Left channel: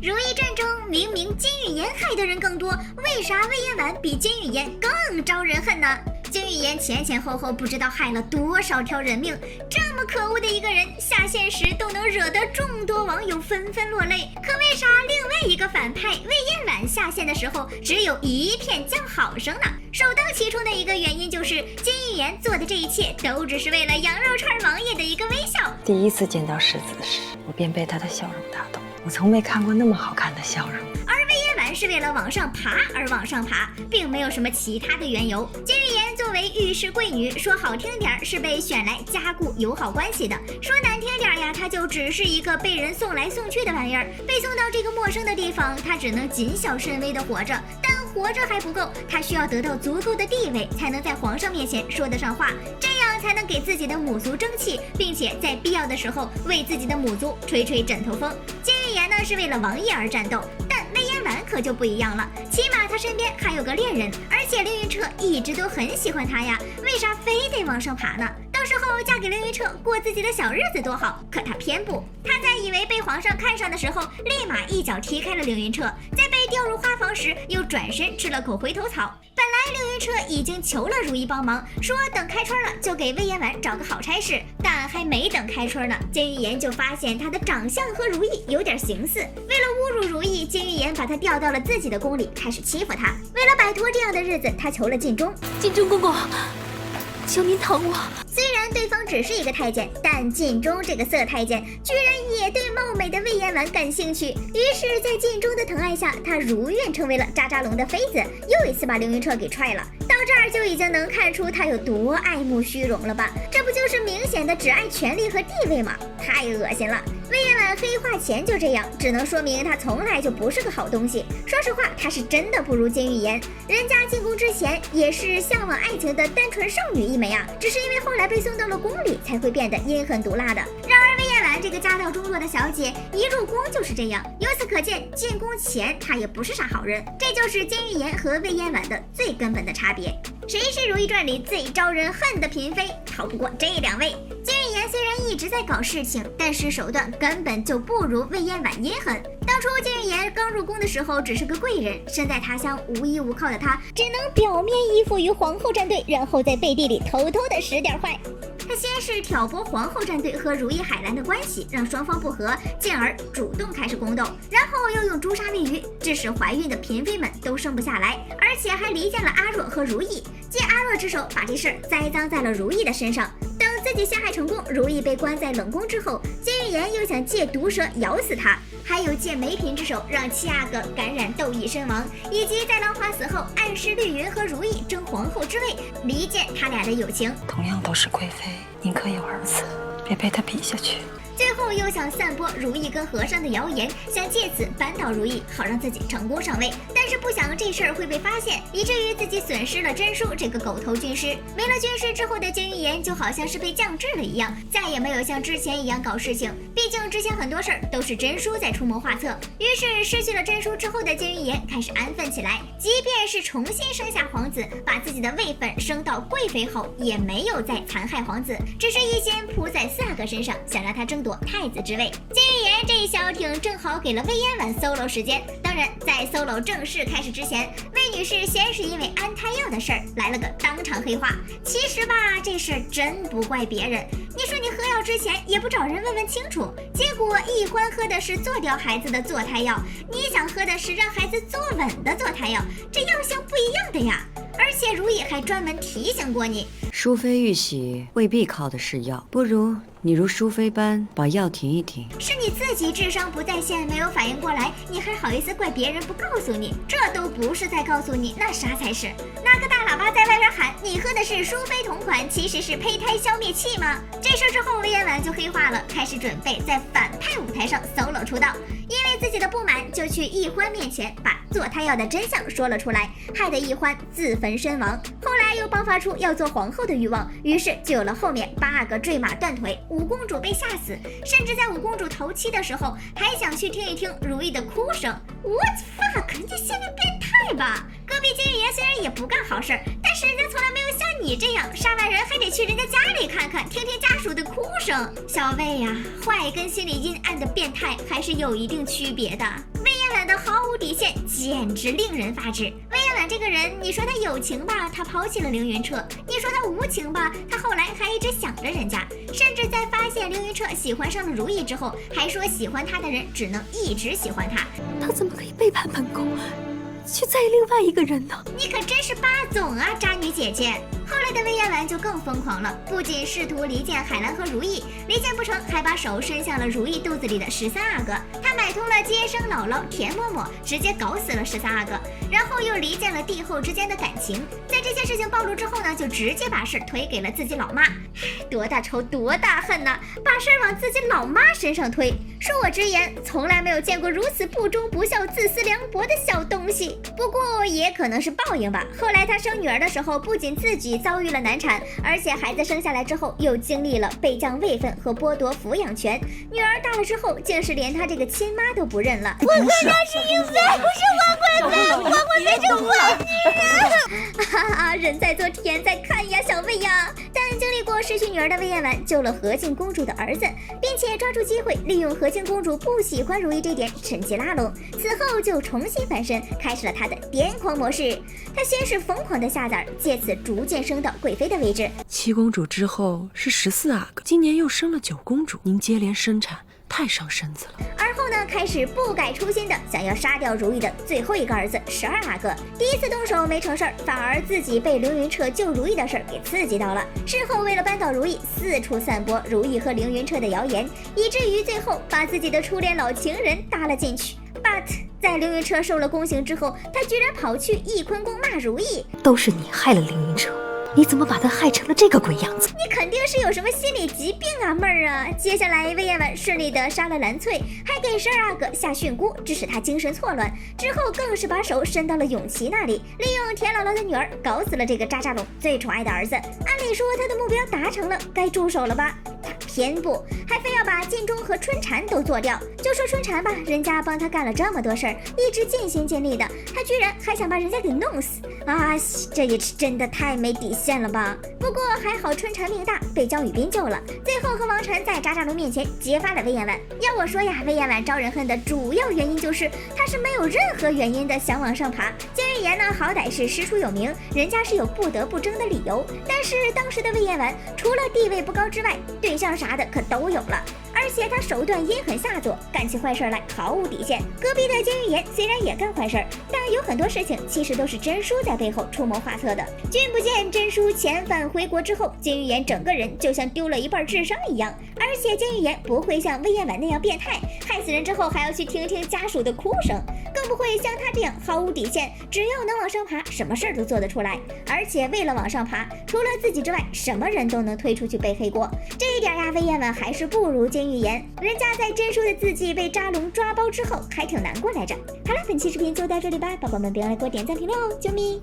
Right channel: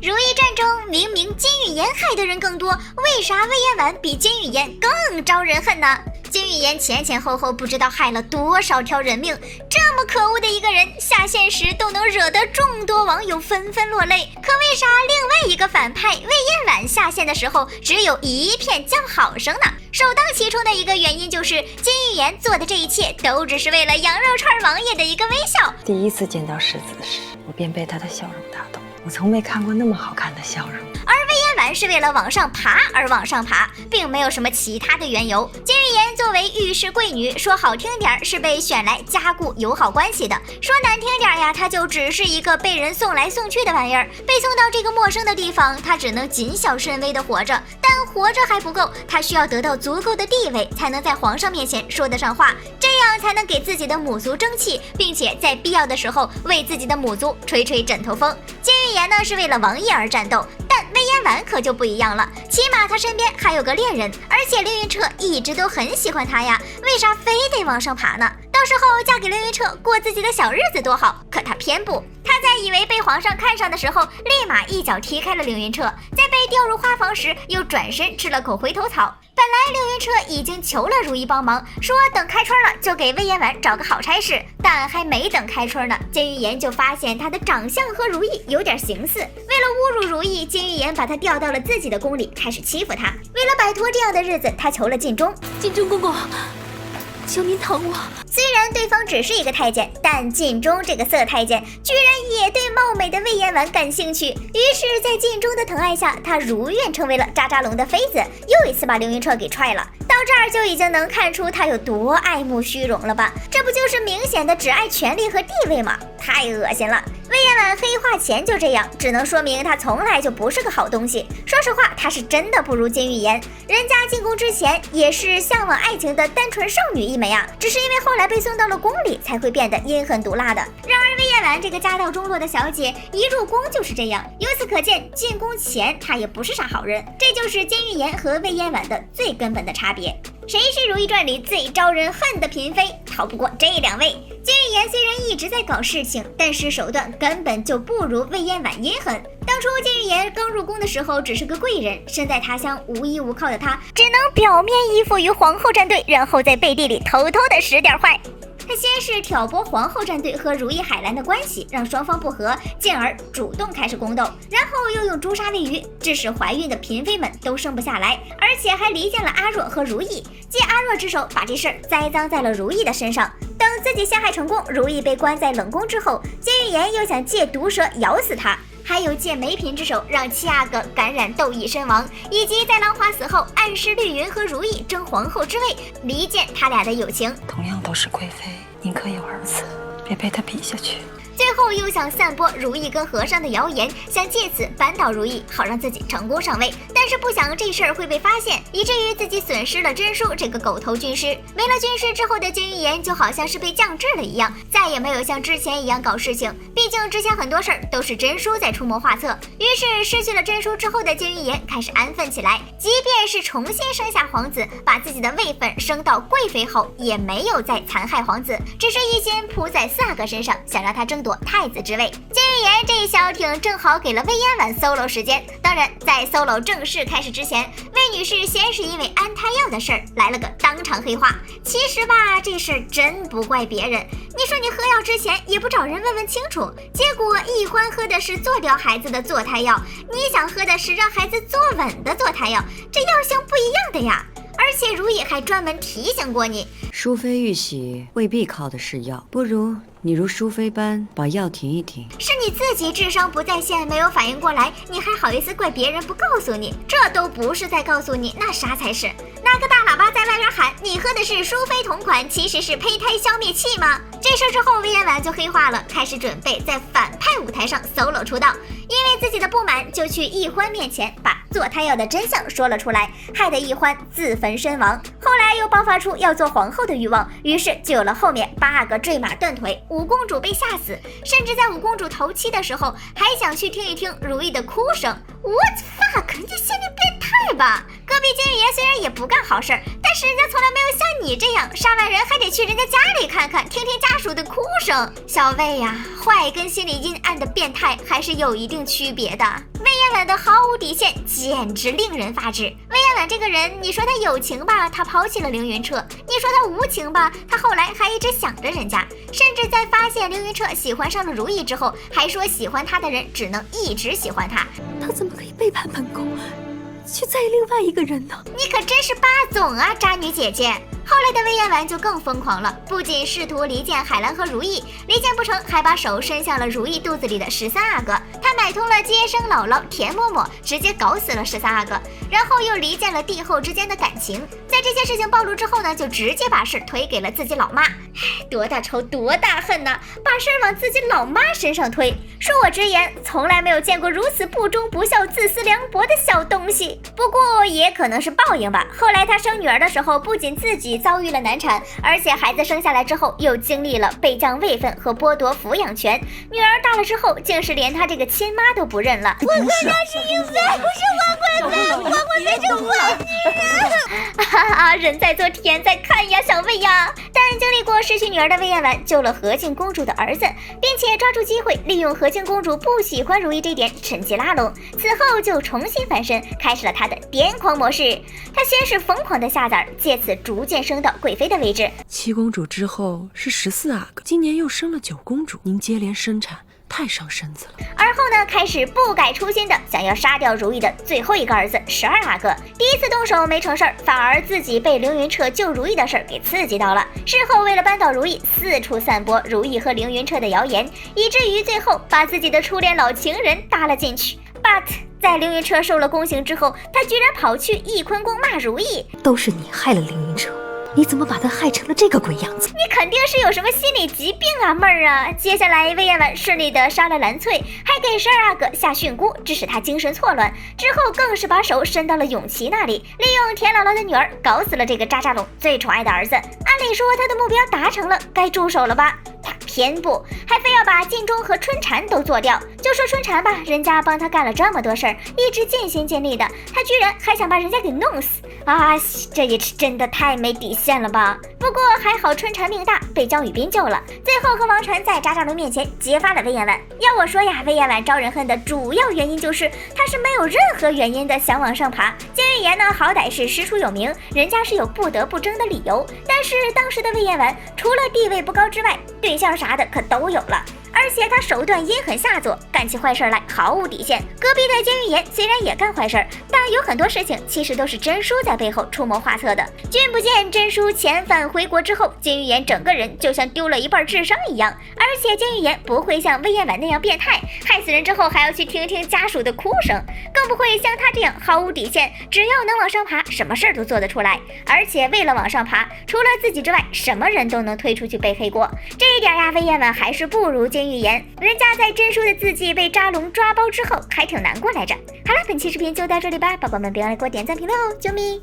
如懿传中明明金玉妍害的人更多，为啥魏延婉比金玉妍更招人恨呢？金玉妍前后不知道害了多少条人命，这么可恶的一个人，下线时都能惹得众多网友纷纷落泪。可为啥另外一个反派魏延婉下线的时候只有一片叫好声呢？首当其冲的一个原因就是金玉妍做的这一切都只是为了羊肉串王爷的一个微笑。第一次见到世子时，我便被他的笑容打动，我从没看过那么好看的笑容。而魏延婉是为了往上爬而往上爬，并没有什么其他的缘由。金玉妍作为御史贵女，说好听点是被选来加固友好关系的，说难听点呀，她就只是一个被人送来送去的玩意儿。被送到这个陌生的地方，她只能谨小慎微的活着，但活着还不够，她需要得到足够的地位，才能在皇上面前说得上话，这样才能给自己的母族争气，并且在必要的时候为自己的母族吹吹枕头风。金玉妍呢是为了王爷而战斗，但魏延婉可就不一样了，起码她身边还有个恋人，而且凌云彻一直都很喜欢她呀，为啥非得往上爬呢？到时候嫁给凌云彻过自己的小日子多好，可她偏不。她在以为被皇上看上的时候，立马一脚踢开了凌云彻，在被调入花房时又转身吃了口回头草。本来凌云彻已经求了如懿帮忙，说等开春了就给魏延婉找个好差事，但还没等开春呢，金玉妍就发现她的长相和如懿有点形似。为了侮辱如懿，金玉妍把她调到了自己的宫里，开始欺负她。为了摆脱这样的日子，她求了晋中。晋中公公，求您疼我。虽然对方只是一个太监，但晋中这个色太监居然也对貌美的魏延婉感兴趣。于是，在晋中的疼爱下，他如愿成为了渣渣龙的妃子，又一次把凌云彻给踹了。到这儿就已经能看出他有多爱慕虚荣了吧？这不就是明显的只爱权力和地位吗？太恶心了！魏延婉黑化前就这样，只能说明他从来就不是个好东西。说实话，他是真的不如金玉妍，人家进宫之前也是向往爱情的单纯少女一枚啊，只是因为后来被送到了宫里，才会变得阴狠毒辣的。然而魏延婉这个家道中落的小姐，一入宫就是这样。由此可见，进宫前她也不是啥好人。这就是金玉妍和魏延婉的最根本的差别。谁是《如懿传》里最招人恨的嫔妃？逃不过这两位。金玉妍虽然一直在搞事情，但是手段根本就不如魏延婉阴狠。当初金玉妍刚入宫的时候，只是个贵人，身在他乡无依无靠的她，只能表面依附于皇后战队，然后在背地里偷偷的使点坏。他先是挑拨皇后战队和如意海兰的关系，让双方不和，进而主动开始宫斗，然后又用诛杀喂鱼，致使怀孕的嫔妃们都生不下来，而且还离间了阿若和如意，借阿若之手把这事儿栽赃在了如意的身上。等自己陷害成功，如意被关在冷宫之后，金玉妍又想借毒蛇咬死他，还有借梅嫔之手让七阿哥感染窦漪身亡，以及在兰华死后暗示绿云和如意争皇后之位，离间他俩的友情。同样都是贵妃，宁可有儿子，别被他比下去。最后又想散播如懿跟和尚的谣言，想借此扳倒如懿，好让自己成功上位。但是不想这事儿会被发现，以至于自己损失了真淑这个狗头军师。没了军师之后的金玉妍就好像是被降智了一样，再也没有像之前一样搞事情。毕竟之前很多事儿都是真淑在出谋划策。于是失去了真淑之后的金玉妍开始安分起来，即便是重新生下皇子，把自己的位分升到贵妃后，也没有再残害皇子，只是一心扑在四阿哥身上，想让他争夺太子之位。金玉妍这一小挺正好给了魏延婉 solo 时间。当然，在 solo 正式开始之前，魏女士先是因为安胎药的事儿来了个当场黑化。其实吧，这事儿真不怪别人。你说你喝药之前也不找人问问清楚，结果易欢喝的是做掉孩子的坐胎药，你想喝的是让孩子坐稳的坐胎药，这药性不一样的呀。而且如懿还专门提醒过你，淑妃玉玺未必靠的是药，不如你如淑妃般把药停一停。是你自己智商不在线，没有反应过来，你还好意思怪别人不告诉你？这都不是在告诉你，那啥才是？拿个大喇叭在外边喊你喝的是淑妃同款，其实是胚胎消灭器吗？这事之后，魏延婉就黑化了，开始准备在反派舞台上 solo 出道。因为自己的不满，就去易欢面前把做胎药的真相说了出来，害得易欢自焚身亡。后来又爆发出要做皇后的欲望，于是就有了后面8个坠马断腿，五公主被吓死，甚至在五公主头七的时候，还想去听一听如懿的哭声。What fuck？ 你心理变态吧？隔壁金玉妍虽然也不干好事儿，但但是人家从来没有像你这样杀完人还得去人家家里看看，听听家属的哭声。小魏呀，坏跟心里阴暗的变态还是有一定区别的。魏延婉的毫无底线简直令人发指。魏延婉这个人，你说他有情吧，他抛弃了凌云彻；你说他无情吧，他后来还一直想着人家，甚至在发现凌云彻喜欢上了如意之后，还说喜欢他的人只能一直喜欢他。他怎么可以背叛本宫，去在意另外一个人呢？你可真是霸总啊，渣女姐姐！后来的魏延婉就更疯狂了，不仅试图离间海兰和如意，离间不成还把手伸向了如意肚子里的13阿哥。他买通了接生姥姥田嬷嬷，直接搞死了13阿哥，然后又离间了帝后之间的感情。在这些事情暴露之后呢，就直接把事推给了自己老妈。多大仇多大恨呐，把事往自己老妈身上推。恕我直言，从来没有见过如此不忠不孝、自私凉薄的小东西。不过也可能是报应吧。后来他生女儿的时候，不仅自己遭遇了难产，而且孩子生下来之后又经历了被降位分和剥夺抚养权。女儿大了之后，竟是连他这个亲妈都不认了。我跟他是因为不是王贵妃，王贵妃是坏女人。哈哈，人在做天在看呀，小魏呀。但经历过失去女儿的魏延婉救了和静公主的儿子，并且抓住机会利用和静公主不喜欢如意这点趁机拉拢，此后就重新翻身，开始了他的癫狂模式。他先是疯狂的下崽，借此逐渐升到贵妃的位置。7公主之后是14阿哥，今年又生了9公主，您接连生产太伤身子了。而后呢，开始不改初心的想要杀掉如意的最后一个儿子12阿哥。第一次动手没成事儿，反而自己被凌云彻救如意的事儿给刺激到了。事后为了扳倒如意，四处散播如意和凌云彻的谣言，以至于最后把自己的初恋老情人搭了进去。But 在凌云彻受了宫刑之后，他居然跑去翊坤宫骂如意，都是你害了凌云彻，你怎么把他害成了这个鬼样子？你肯定是有什么心理疾病啊，妹儿啊！接下来魏延婉顺利的杀了蓝翠，还给12阿哥下训诂，致使他精神错乱。之后更是把手伸到了永琪那里，利用田姥姥的女儿搞死了这个渣渣龙最宠爱的儿子。按理说他的目标达成了，该住手了吧？他偏不，还非要把晋忠和春蝉都做掉。就说春蝉吧，人家帮他干了这么多事儿，一直尽心尽力的，他居然还想把人家给弄死啊！这也是真的太没底线了吧？不过还好春蝉命大，被江雨斌救了，最后和王晨在渣渣龙面前揭发了魏延婉。要我说呀，魏延婉招人恨的主要原因就是他是没有任何原因的想往上爬。江玉言呢，好歹是师出有名，人家是有不得不争的理由，但是当时的魏延婉除了地位不高之外，对象啥的可都有了。而且他手段阴狠下作，干起坏事来毫无底线。隔壁的监狱言虽然也干坏事，但有很多事情其实都是真叔在背后出谋划策的。君不见真叔遣返回国之后，监狱言整个人就像丢了一半智商一样。而且监狱言不会像魏延婉那样变态，害死人之后还要去听听家属的哭声，更不会像他这样毫无底线，只要能往上爬，什么事儿都做得出来。而且为了往上爬，除了自己之外，什么人都能推出去背黑锅。这一点呀，魏延婉还是不如监狱言。人家在真叔的字迹被渣龙抓包之后，还挺难过来着。好了，本期视频就到这里吧，宝宝们别忘了给我点赞评论哦，啾咪。